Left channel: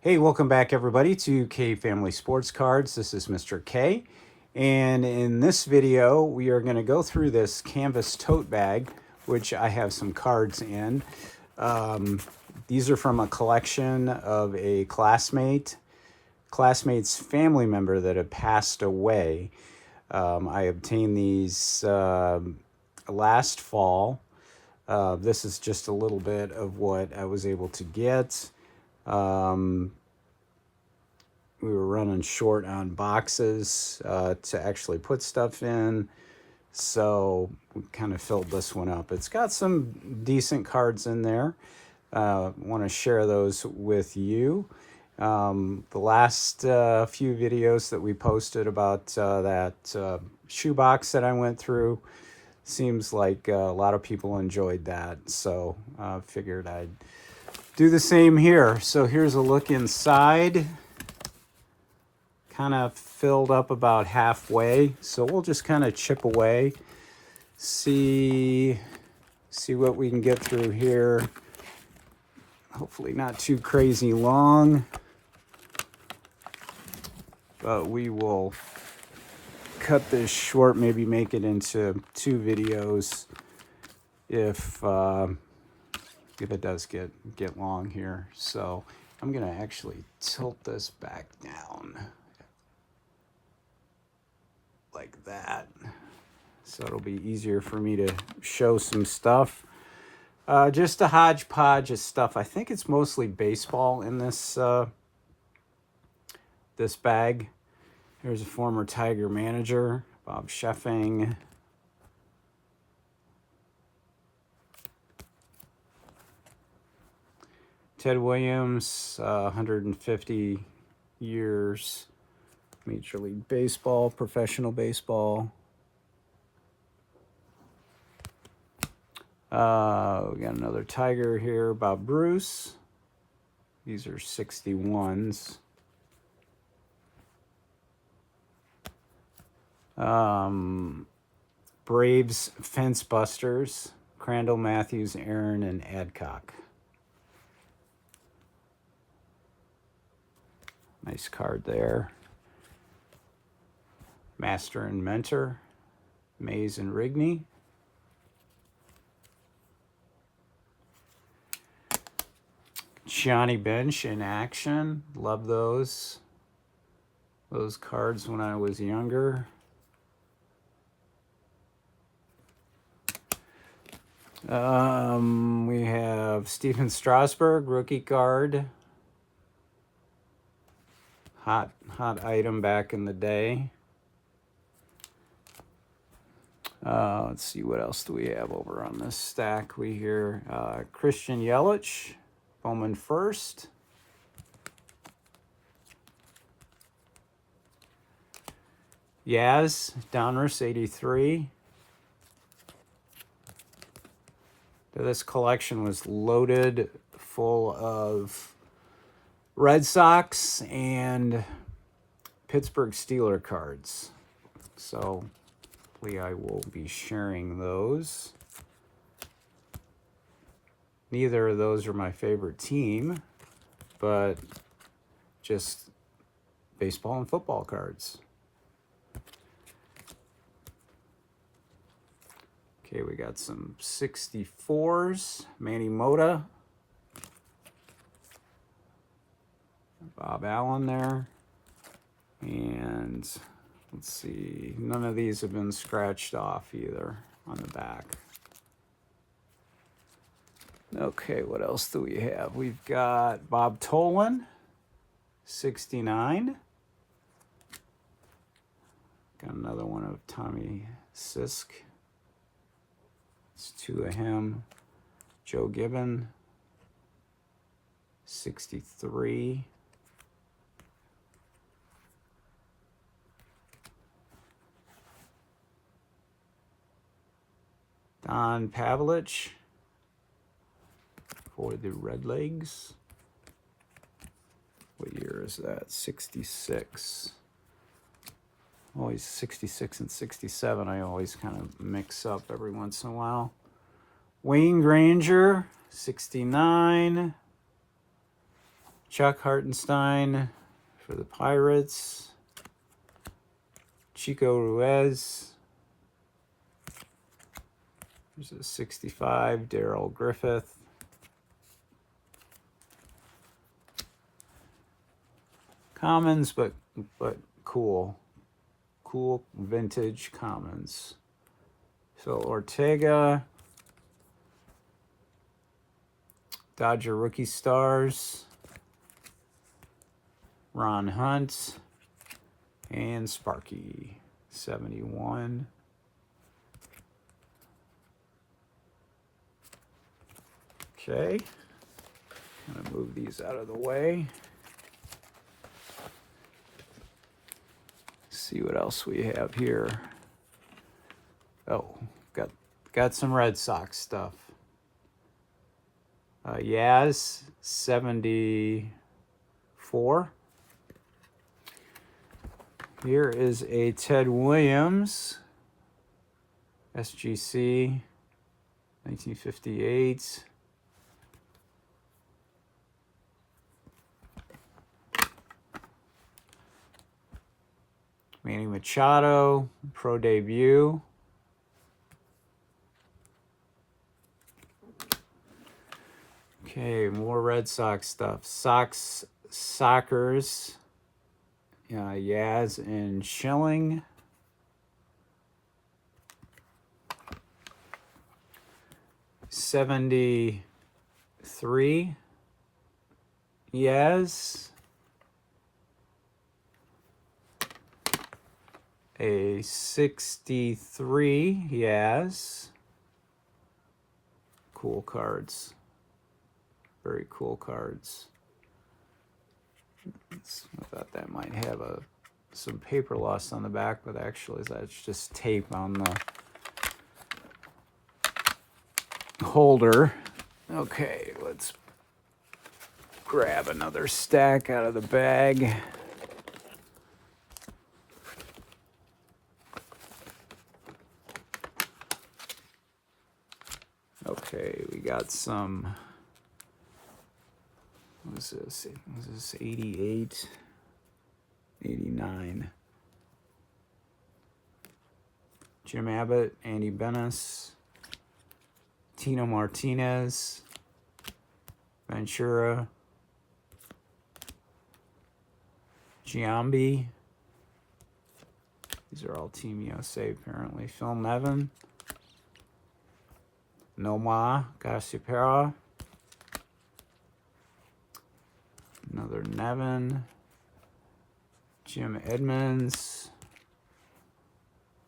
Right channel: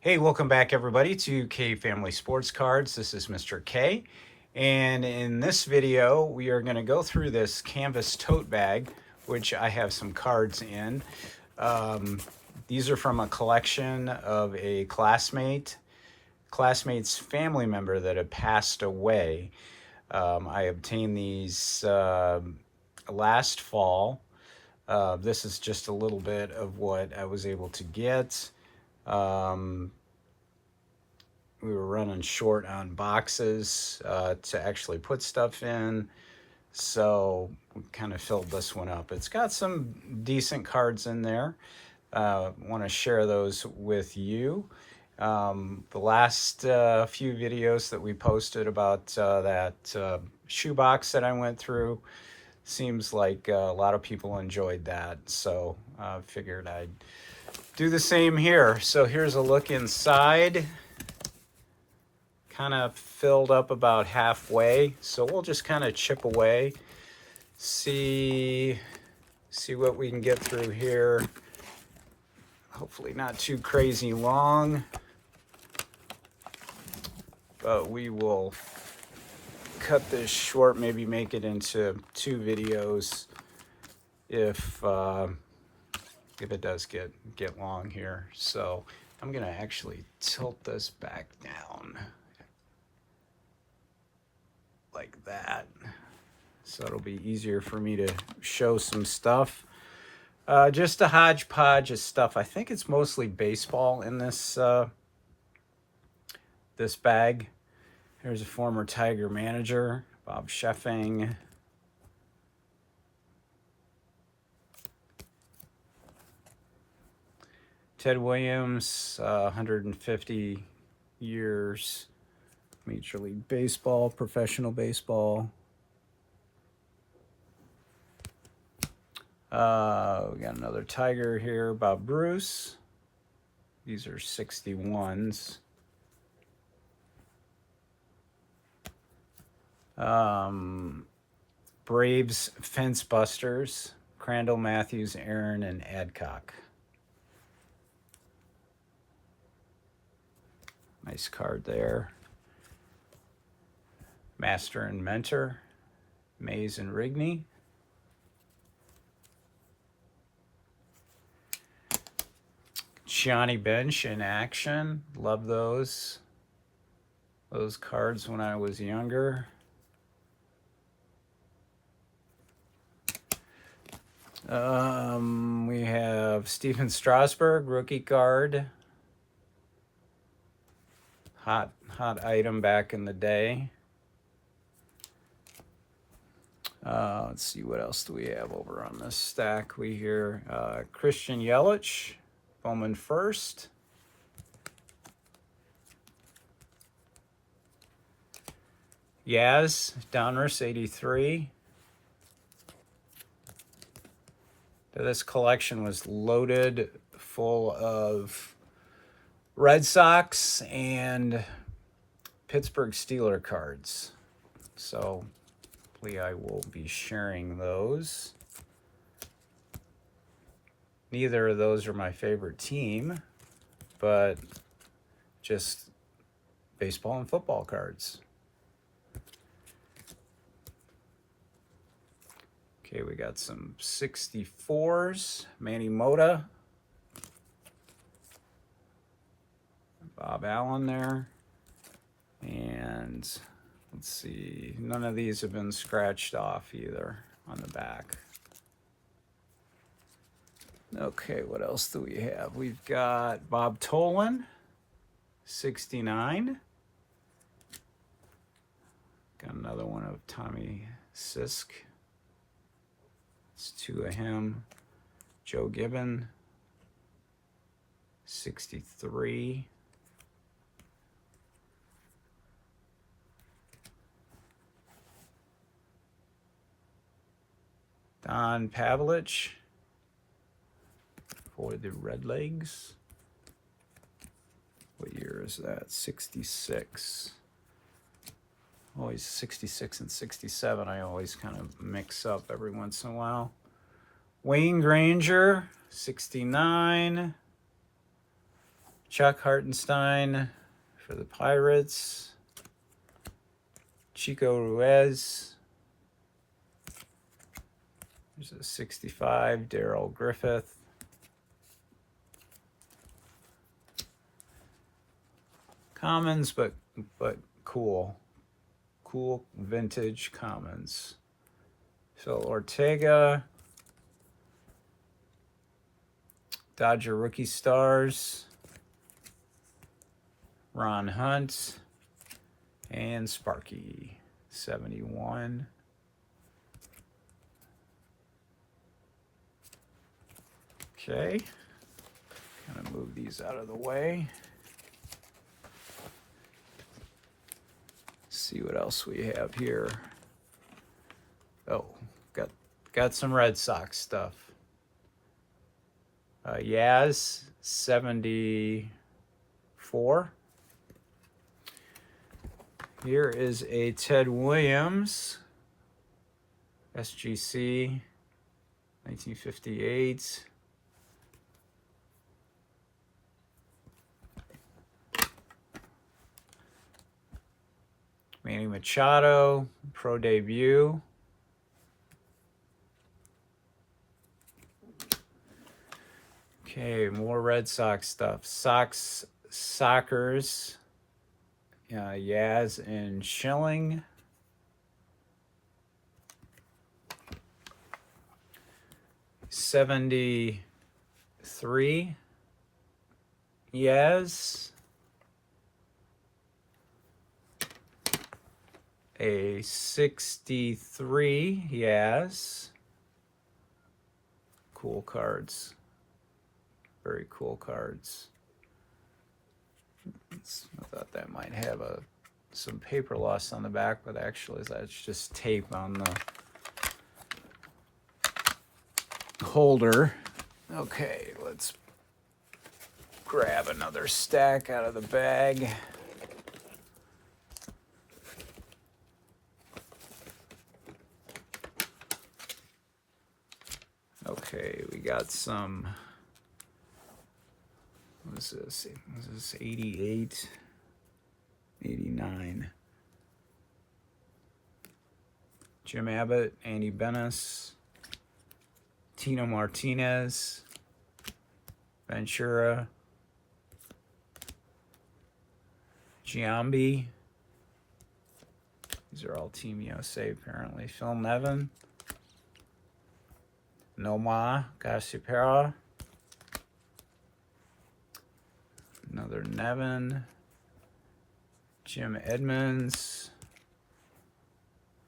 Hey, welcome back everybody to K Family Sports Cards. This is Mr. K. And in this video, we are going to go through this canvas tote bag, which I have some cards in. Um, these are from a collection of a classmate's family member that had passed away. I obtained these last fall. This is just a little bit of what I was able to get. Um, we were running short on boxes to actually put stuff in, so we kind of filled this one up. It's got some decent cards in there. Want to share those with you. The last few videos that we posted about that shoebox that I went through, seems like a lot of people enjoyed that, so figured I'd do the same here. So here's a look inside. Kind of filled up about halfway, so we'll just kind of chip away, see what we can get through here. Hopefully not too crazy long, but we will cut this short, maybe make it into 2 videos if it does get long here. So I'm gonna actually tilt this back down like that, so it'll be easier for me to show some stuff. Just a hodgepodge of stuff. I think it's mostly baseball in this this bag. There's a former Tiger manager, Bob Sheffing. Ted Williams, 150 years, Major League Baseball, professional baseball. We got another Tiger here, Bob Bruce. These are 61s. Braves Fence Busters, Crandall, Matthews, Aaron, and Adcock. Nice card there. Master and Mentor, Mays and Rigney. Johnny Bench in action. Love those cards when I was younger. We have Stephen Strasburg, rookie card. Hot item back in the day. Let's see, what else do we have over on this stack? We hear Christian Yelich, Bowman first. Yaz, Donruss, 83. This collection was loaded full of Red Sox and Pittsburgh Steelers cards. So hopefully I will be sharing those. Neither of those are my favorite team, but just baseball and football cards. Okay, we got some 64s. Manny Mota. Bob Allen there. And let's see, none of these have been scratched off either on the back. Okay, what else do we have? We've got Bob Tolan, 69. Got another one of Tommy Sisk. It's 2 of him. Joe Gibbon, 63. Don Pavlich for the Redlegs. What year is that? 66. Always 66 and 67. I always kind of mix up every once in a while. Wayne Granger, 69. Chuck Hartenstein for the Pirates. Chico Ruiz. There's a 65, Darrell Griffith. Commons, but cool. Cool vintage commons. Phil Ortega. Dodger Rookie Stars. Ron Hunt. And Sparky, 71. Okay. I'm gonna move these out of the way. See what else we have here. Oh, got some Red Sox stuff. Yaz, 74. Here is a Ted Williams, SGC, 1958. Manny Machado, pro debut. Okay, more Red Sox stuff. Sockers, Yaz and Schilling. '73, Yaz. A 63, Yaz. Cool cards. Very cool cards. I thought that might have some paper loss on the back, but actually that's just tape on the holder. Okay, let's grab another stack out of the bag. Okay, we got some. What is this? What is this? 88, 89. Jim Abbott, Andy Benes, Tino Martinez, Ventura, Giambi. These are all Team USA apparently. Phil Nevin, Nomar Garciaparra, another Nevin, Jim Edmonds,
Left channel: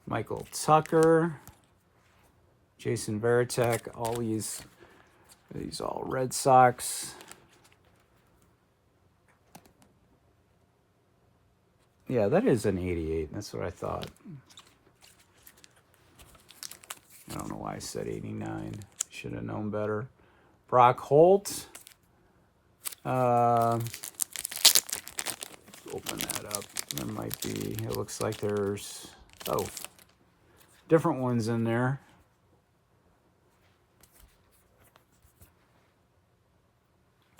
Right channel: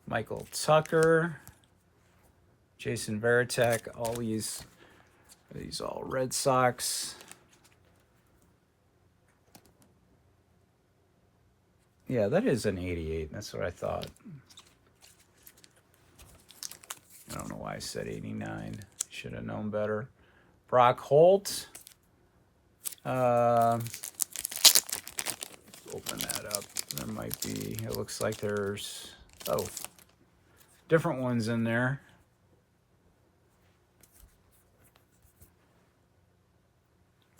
Michael Tucker, Jason Varitek. All these all Red Sox. Yeah, that is an 88. That's what I thought. I don't know why I said 89. Should have known better. Brock Holt. Open that up. There might be, it looks like there's, different ones in there.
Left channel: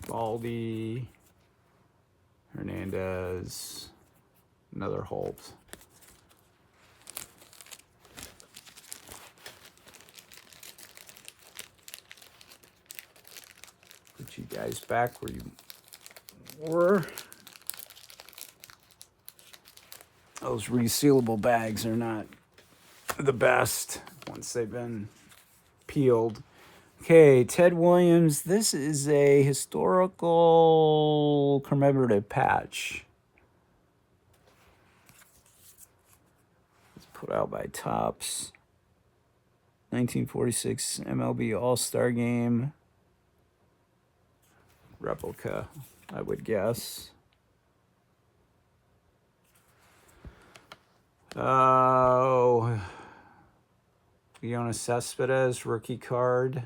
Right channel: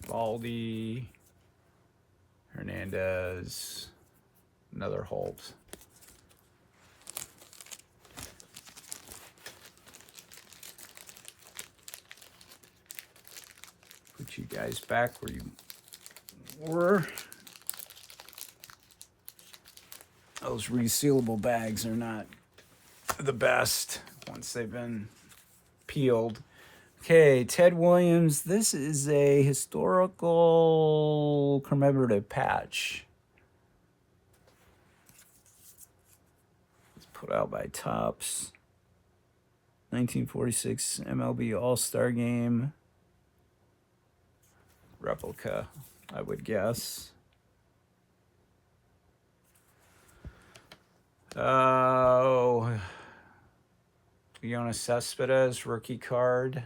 Baldy, Hernandez, another Holt. Put you guys back where you were. Those resealable bags are not the best once they've been peeled. Okay, Ted Williams. This is a historical commemorative patch. It's put out by Topps. 1946 MLB All-Star Game. Replica, I would guess. Oh, Leona Cespedes, rookie card.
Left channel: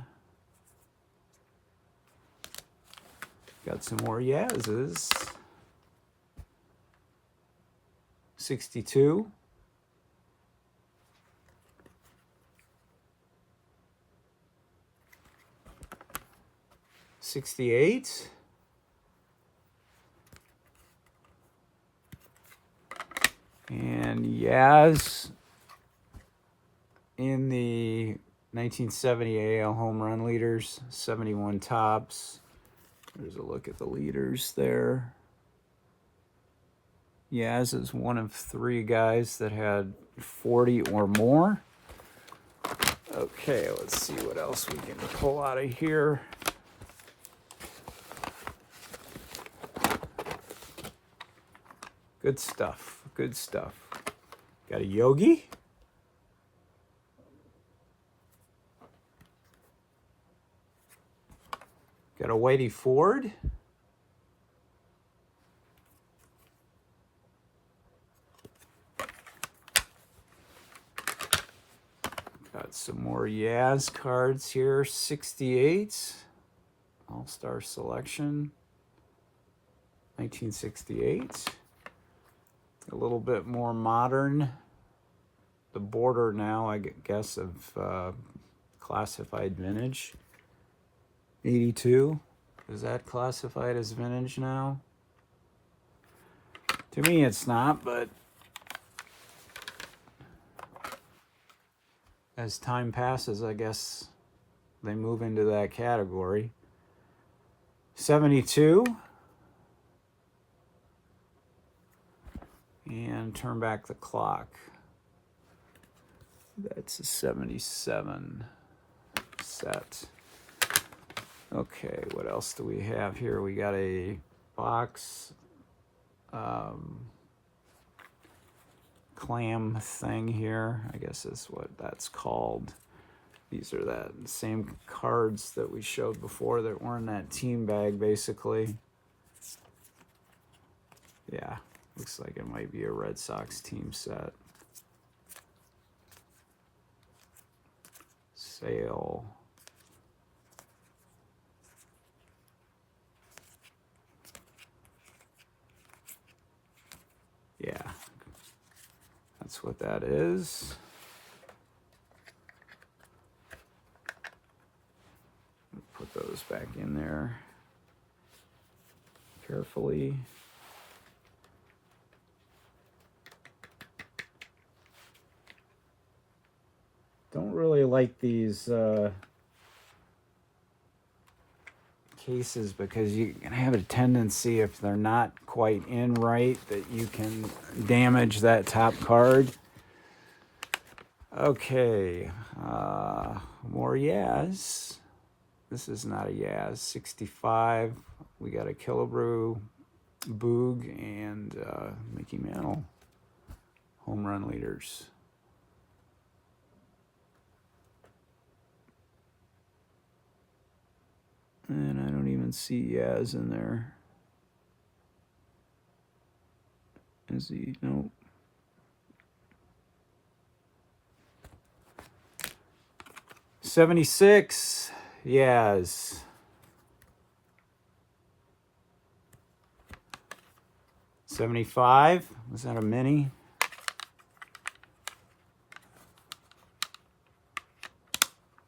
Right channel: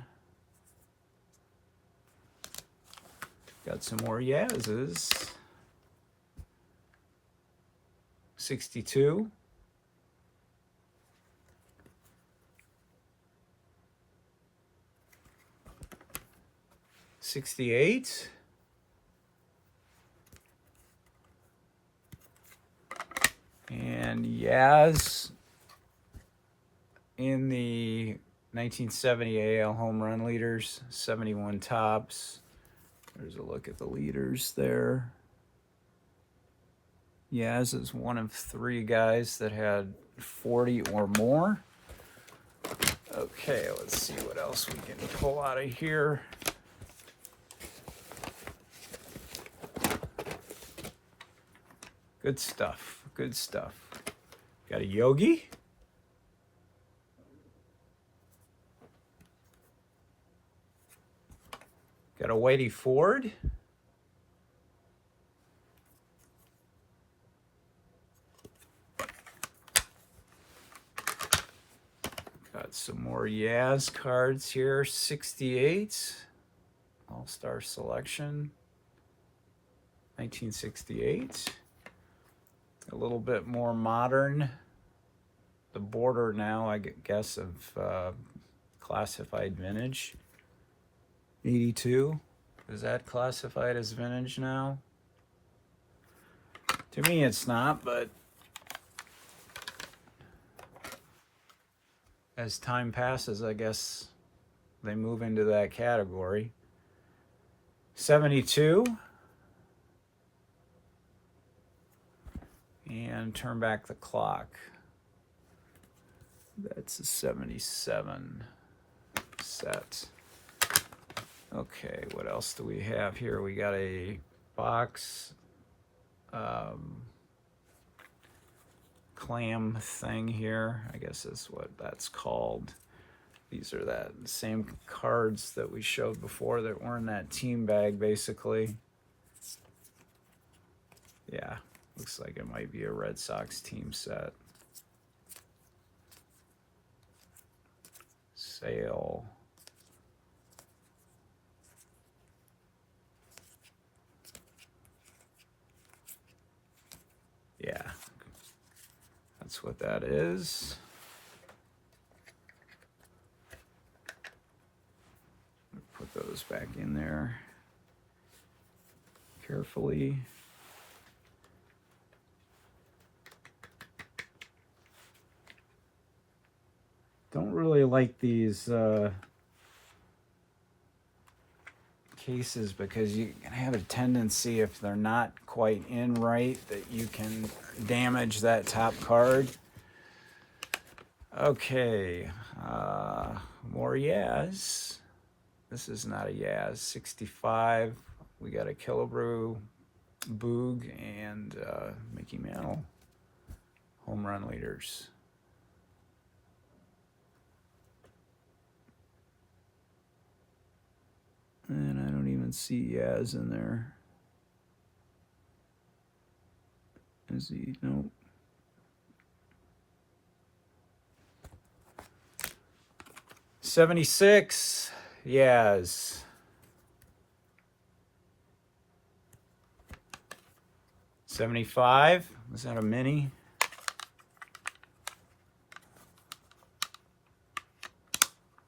Got some more Yaz's. 62. '68. And Yaz in the 1970 AL home run leaders, 71 tops. There's a look at the leaders there. Yaz is one of 3 guys that had 40 or more. Okay, let's see what else we can pull out of here. Good stuff, good stuff. Got a Yogi. Got a Whitey Ford. Got some more Yaz cards here. 68. All-Star Selection. 1968. A little bit more modern. The border now, I guess, of classified vintage. 82. Is that classified as vintage now? To me, it's not, but as time passes, I guess they move into that category. 72. And turn back the clock. That's a 77 set. Okay, what else do we have here? We got a box clam thing here. I guess that's what that's called. These are that same cards that we showed before that were in that team bag, basically. Yeah, looks like it might be a Red Sox team set. Sale. Yeah, that's what that is. Put those back in there carefully. Don't really like these cases because you can have a tendency, if they're not quite in right, that you can damage that top card. Okay, more Yaz. This is not a Yaz. 65. We got a Killebrew, Boog, and Mickey Mantle home run leaders. And I don't even see Yaz in there. Is he? Nope. '76. Yaz. '75. Was that a mini?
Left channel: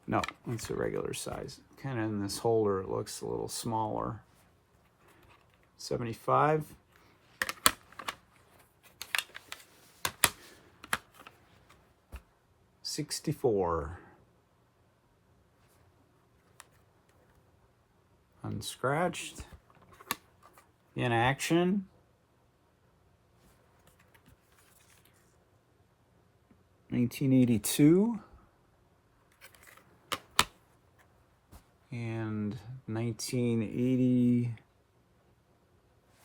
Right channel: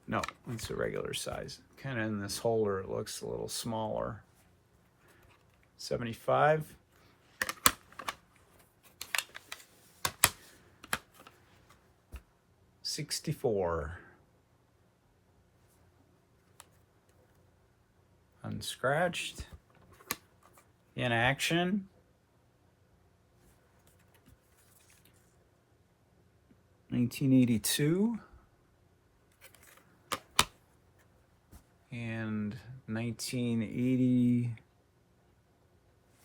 No, it's a regular size. Kind of in this holder, it looks a little smaller. 75. '64. Unscratched. In action. '82. And 1980,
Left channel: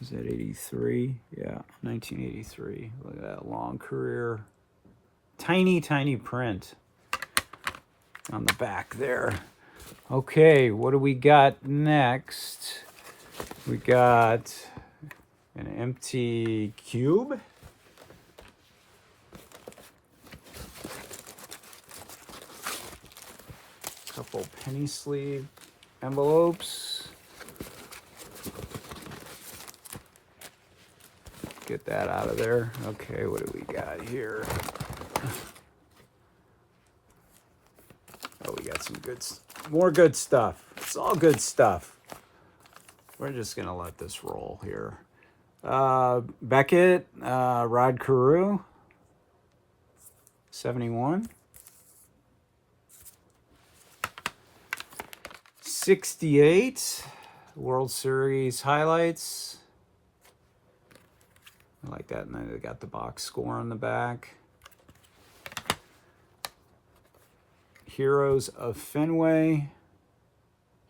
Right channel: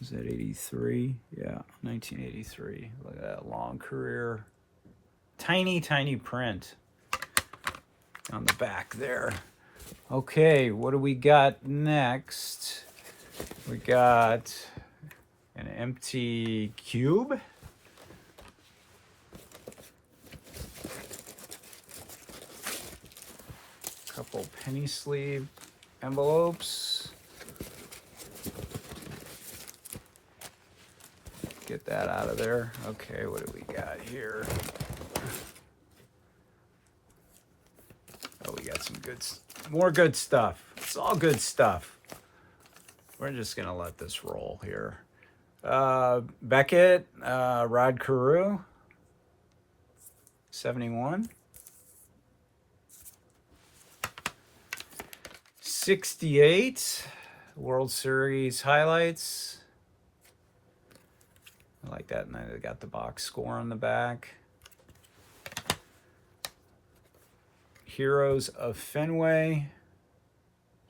is that 83? Yeah, 1983. Look at that long career. Tiny, tiny print on the back there. Okay, what do we got next? We got an empty cube. Couple penny sleeve envelopes. Get that out of there. Okay, what do we got here? Oh, we got some more good stuff. It's all good stuff. We're just gonna let this roll here. Beckett, Rod Carew, 71. 68, World Series highlights. I like that. And then they got the box score on the back. Heroes of Fenway,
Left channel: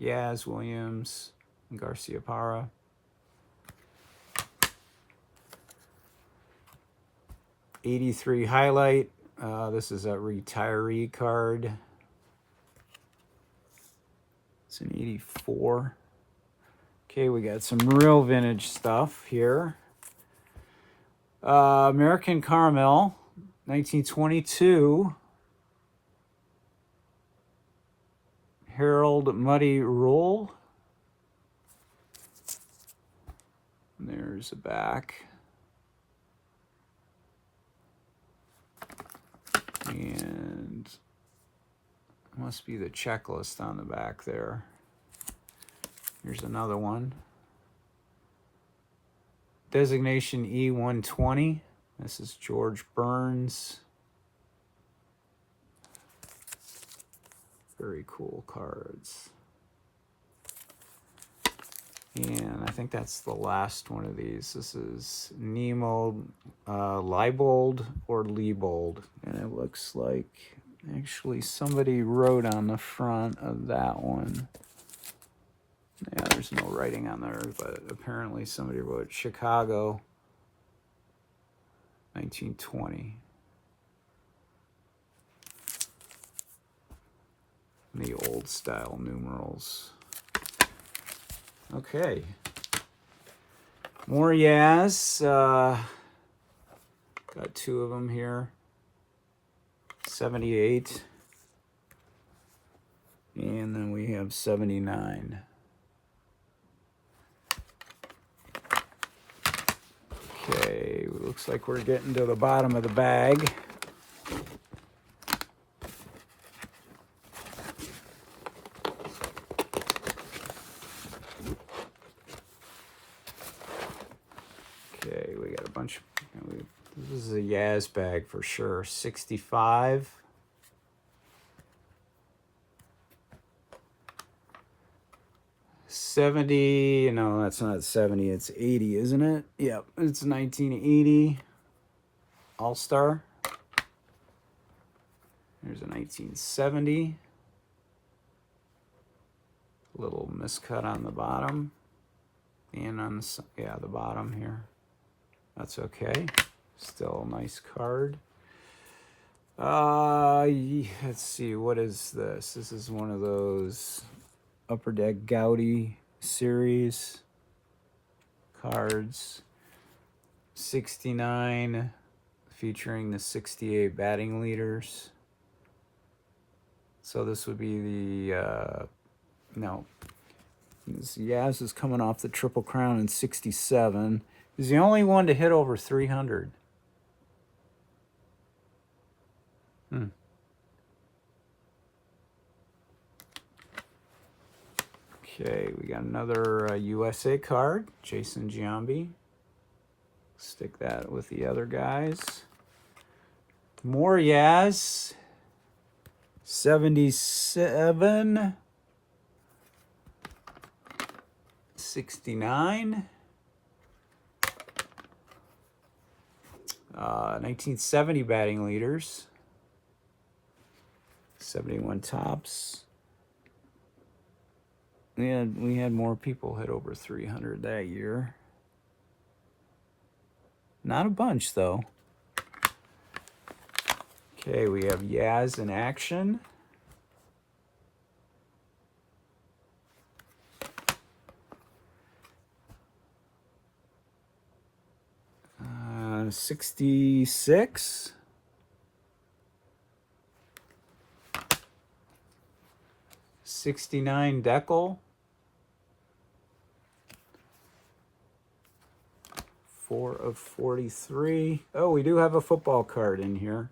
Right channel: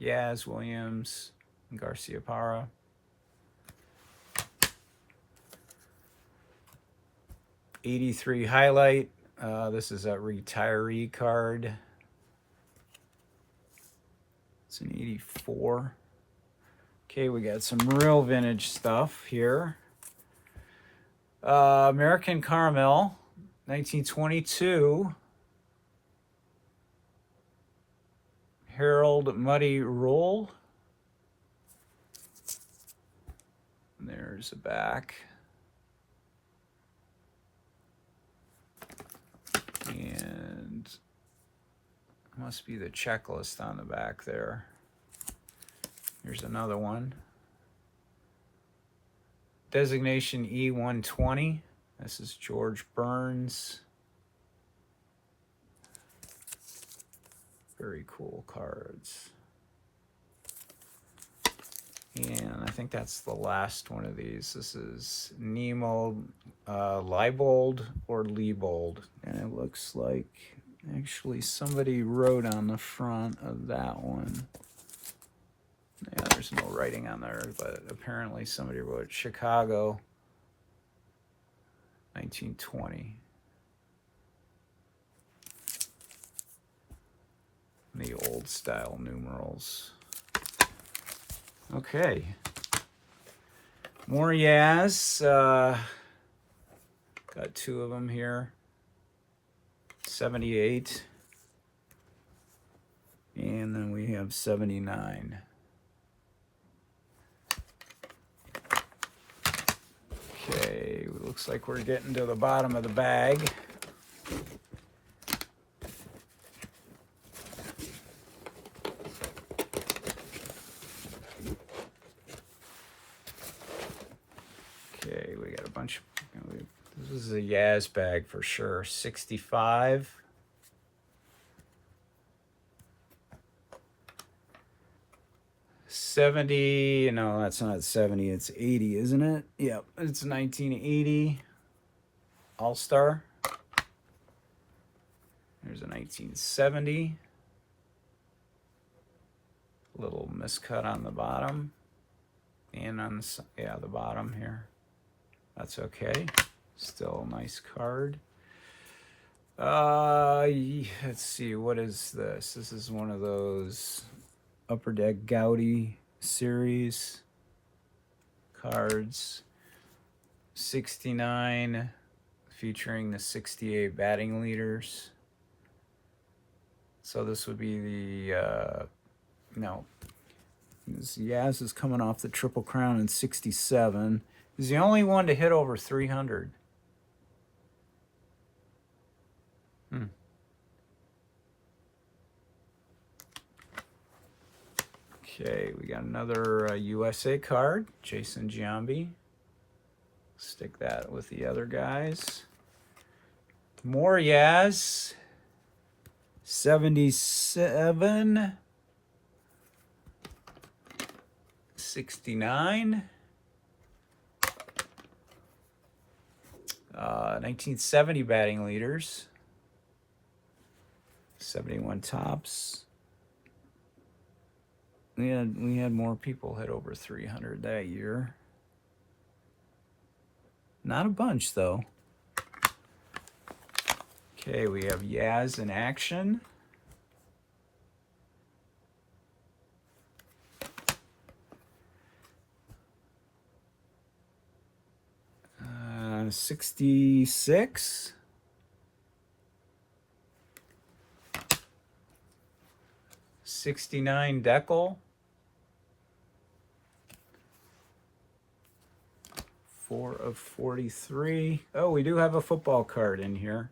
Yaz Williams, and Garcia Parra. '83 highlight. This is a retiree card. It's an '84. Okay, we got some real vintage stuff here. American Caramel, 1922. Harold Muddy Roll. There's the back. And must be the checklist on the back there. There's another one. Designation E120. This is George Burns. Very cool cards. And I think that's the last one of these. This is Nemo Leibold or Leibold. And it looks like actually somebody wrote on the front of that one. Yeah, there's no writing on there, but apparently somebody wrote Chicago, 1920. The old style numerals. Okay. More Yaz. Got two of them here. 78. And then we have 79. Okay, looks like we're getting to the bottom of the bag. Okay, we got a bunch. This is a Yaz bag for sure. 65. '70. No, that's not 70. It's 80, isn't it? Yep, it's 1980 All-Star. There's a 1970. Little miscut on the bottom. And on the bottom here. That's okay. Still a nice card. Let's see, what is this? This is one of those Upper Deck Gaudy series cards. 69, featuring the 68 batting leaders. So this would be the, no. Yaz is coming off the Triple Crown in 67. He's the only one to hit over 300. Okay, we got another USA card, Jason Giambi. Stick that with the other guys. More Yaz, 77. 69. 1970 batting leaders. 71 tops. We had more people hit over 300 that year. Not a bunch though. Okay, we have Yaz in action. Uh, 66. 69 Decal. 4 of 43. Oh, we do have a football card in here.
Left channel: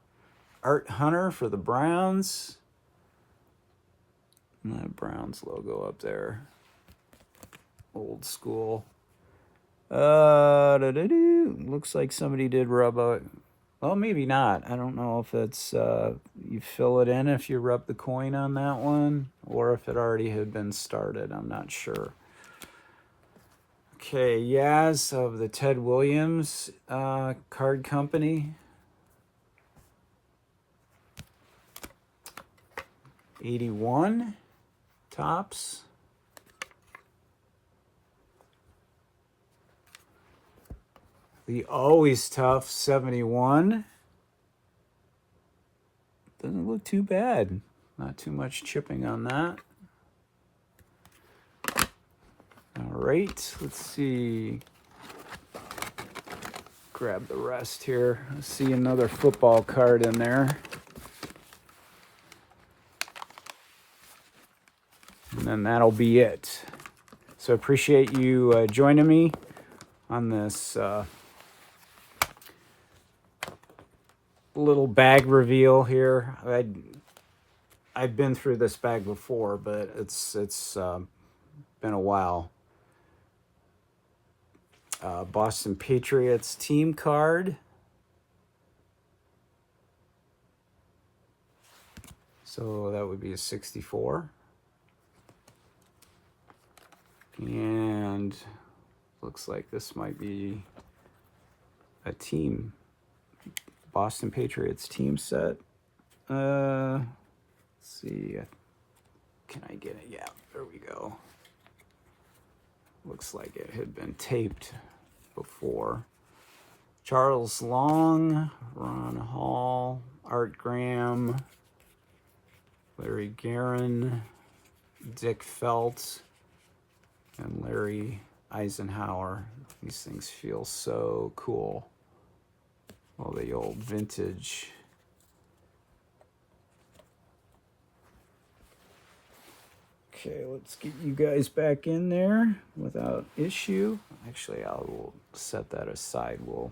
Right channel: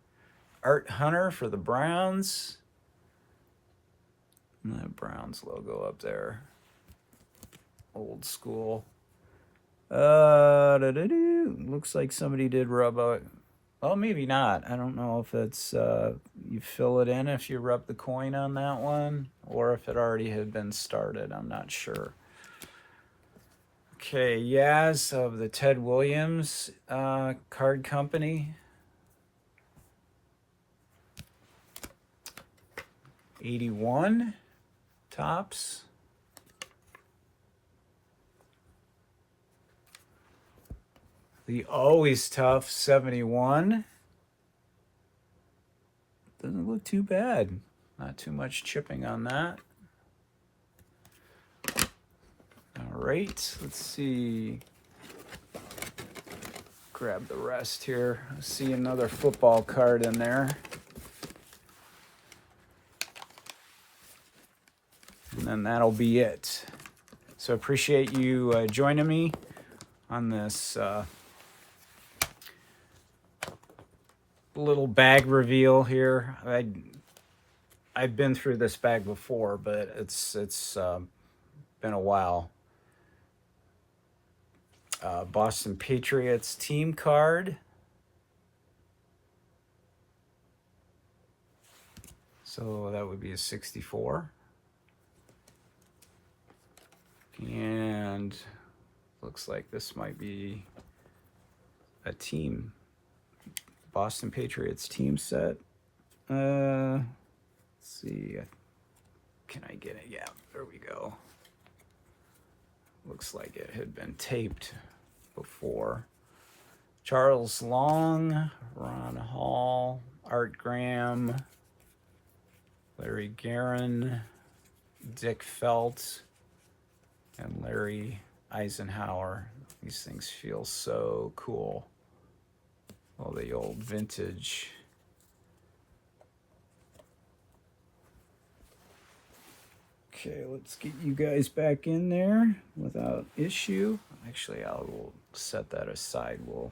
Art Hunter for the Browns. And that Browns logo up there. Old school. Looks like somebody did rub a. Well, maybe not. I don't know if it's you fill it in if you rub the coin on that one, or if it already had been started. I'm not sure. Okay, Yaz of the Ted Williams Card Company. 81 tops. The Always Tough 71. Doesn't look too bad. Not too much chipping on that. All right, let's see. Grab the rest here. I see another football card in there. And then that'll be it. So appreciate you joining me on this little bag reveal here. I've been through this bag before, but it's been a while. Boston Patriots team card. So that would be a 64. And looks like this might be a team. Boston Patriots team set. Let's see. Can I get it? Yeah, there we go. Looks like it had been taped before. Charles Long, Ron Hall, Art Graham, Larry Guerin, Dick Felt, and Larry Eisenhower. These things feel so cool. Well, the old vintage. Okay, let's get you guys back in there without issue. Actually, I'll set that aside. We'll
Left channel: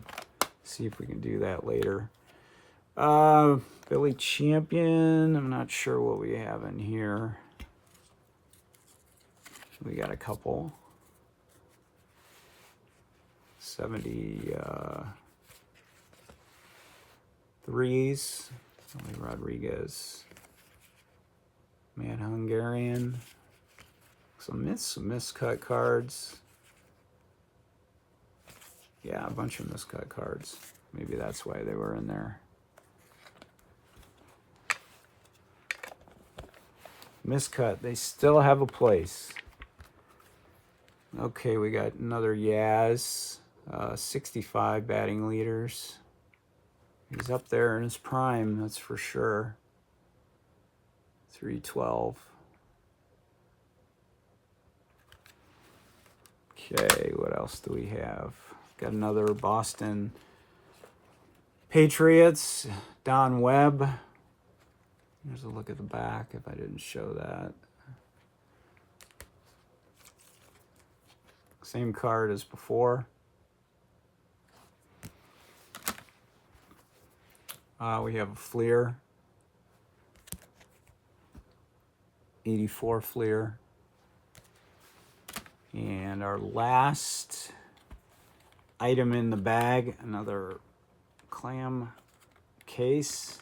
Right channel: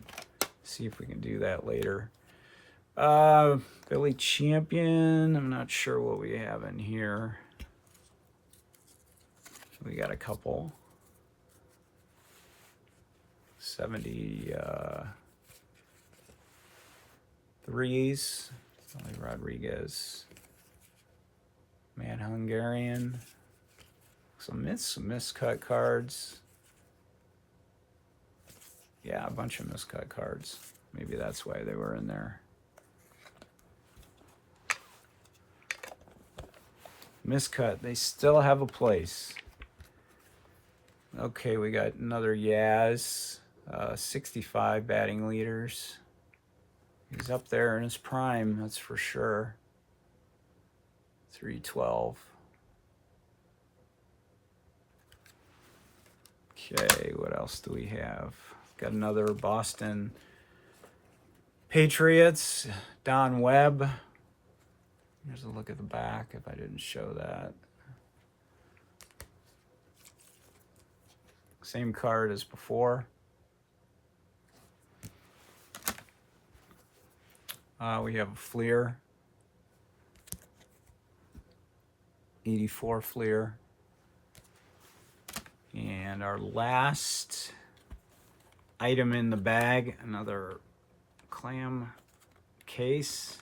see if we can do that later. Billy Champion. I'm not sure what we have in here. We got a couple. 73s. Tony Rodriguez. Matt Hungarian. Some miscut cards. Yeah, a bunch of miscut cards. Maybe that's why they were in there. Miscut, they still have a place. Okay, we got another Yaz. 65 batting leaders. He's up there in his prime, that's for sure. 312. Okay, what else do we have? Got another Boston Patriots, Don Webb. Here's a look at the back if I didn't show that. Same card as before. We have a Fleer. 84 Fleer. And our last item in the bag, another clam case.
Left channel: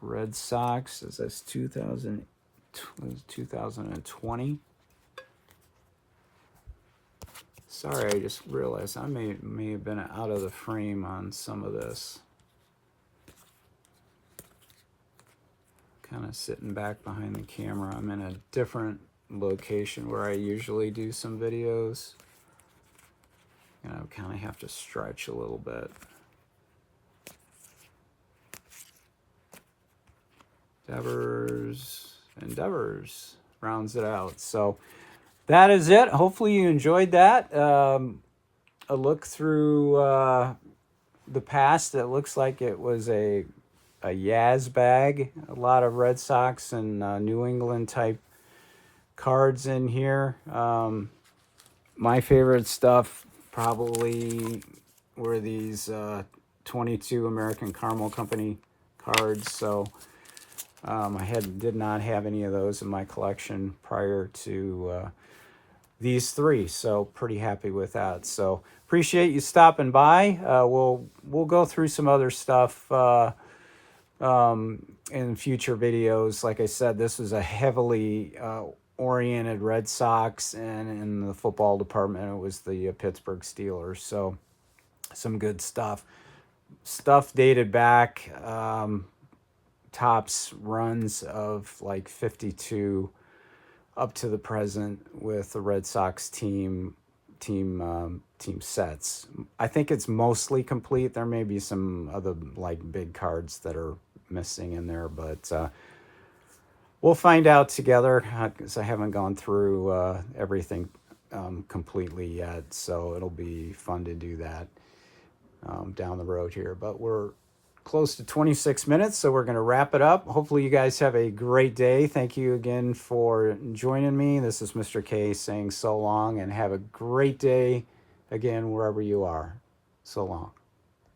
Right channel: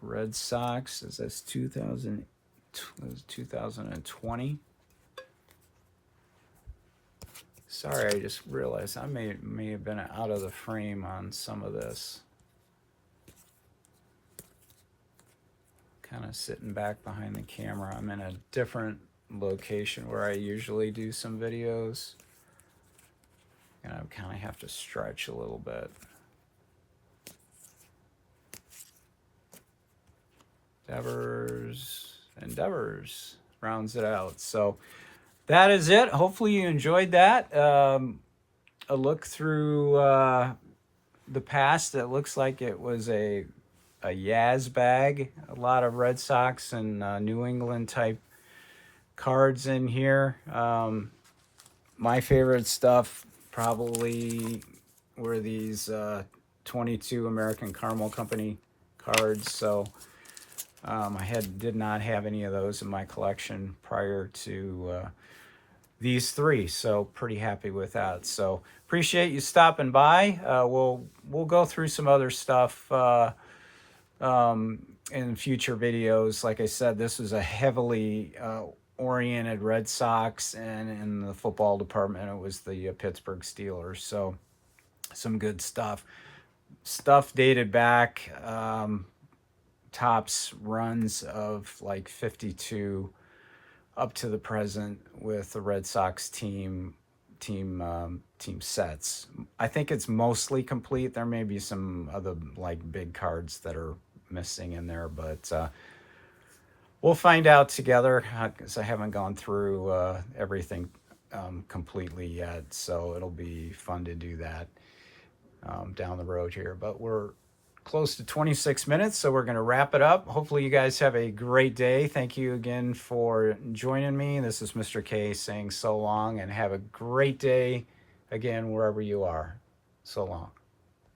Red Sox, is this 2020? Sorry, I just realized I may have been out of the frame on some of this. Kind of sitting back behind the camera. I'm in a different location where I usually do some videos. And I kind of have to stretch a little bit. Endeavors rounds it out. So that is it. Hopefully you enjoyed that. A look through the past. It looks like it was a Yaz bag. A lot of Red Sox and New England type cards in here. My favorite stuff probably were these 22 American Caramel Company cards. So I did not have any of those in my collection prior to these three. So pretty happy with that. So appreciate you stopping by. We'll go through some other stuff in future videos. Like I said, this was a heavily oriented Red Sox, and in the football department, it was the Pittsburgh Steelers. So some good stuff. Stuff dated back, tops runs of like 52 up to the present with the Red Sox team sets. I think it's mostly complete. There may be some other like big cards that are missing in there, but we'll find out together because I haven't gone through everything completely yet. So it'll be fun to do that down the road here. But we're close to 26 minutes, so we're going to wrap it up. Hopefully you guys have a great day. Thank you again for joining me. This is Mr. K saying so long, and have a great day again wherever you are. So long.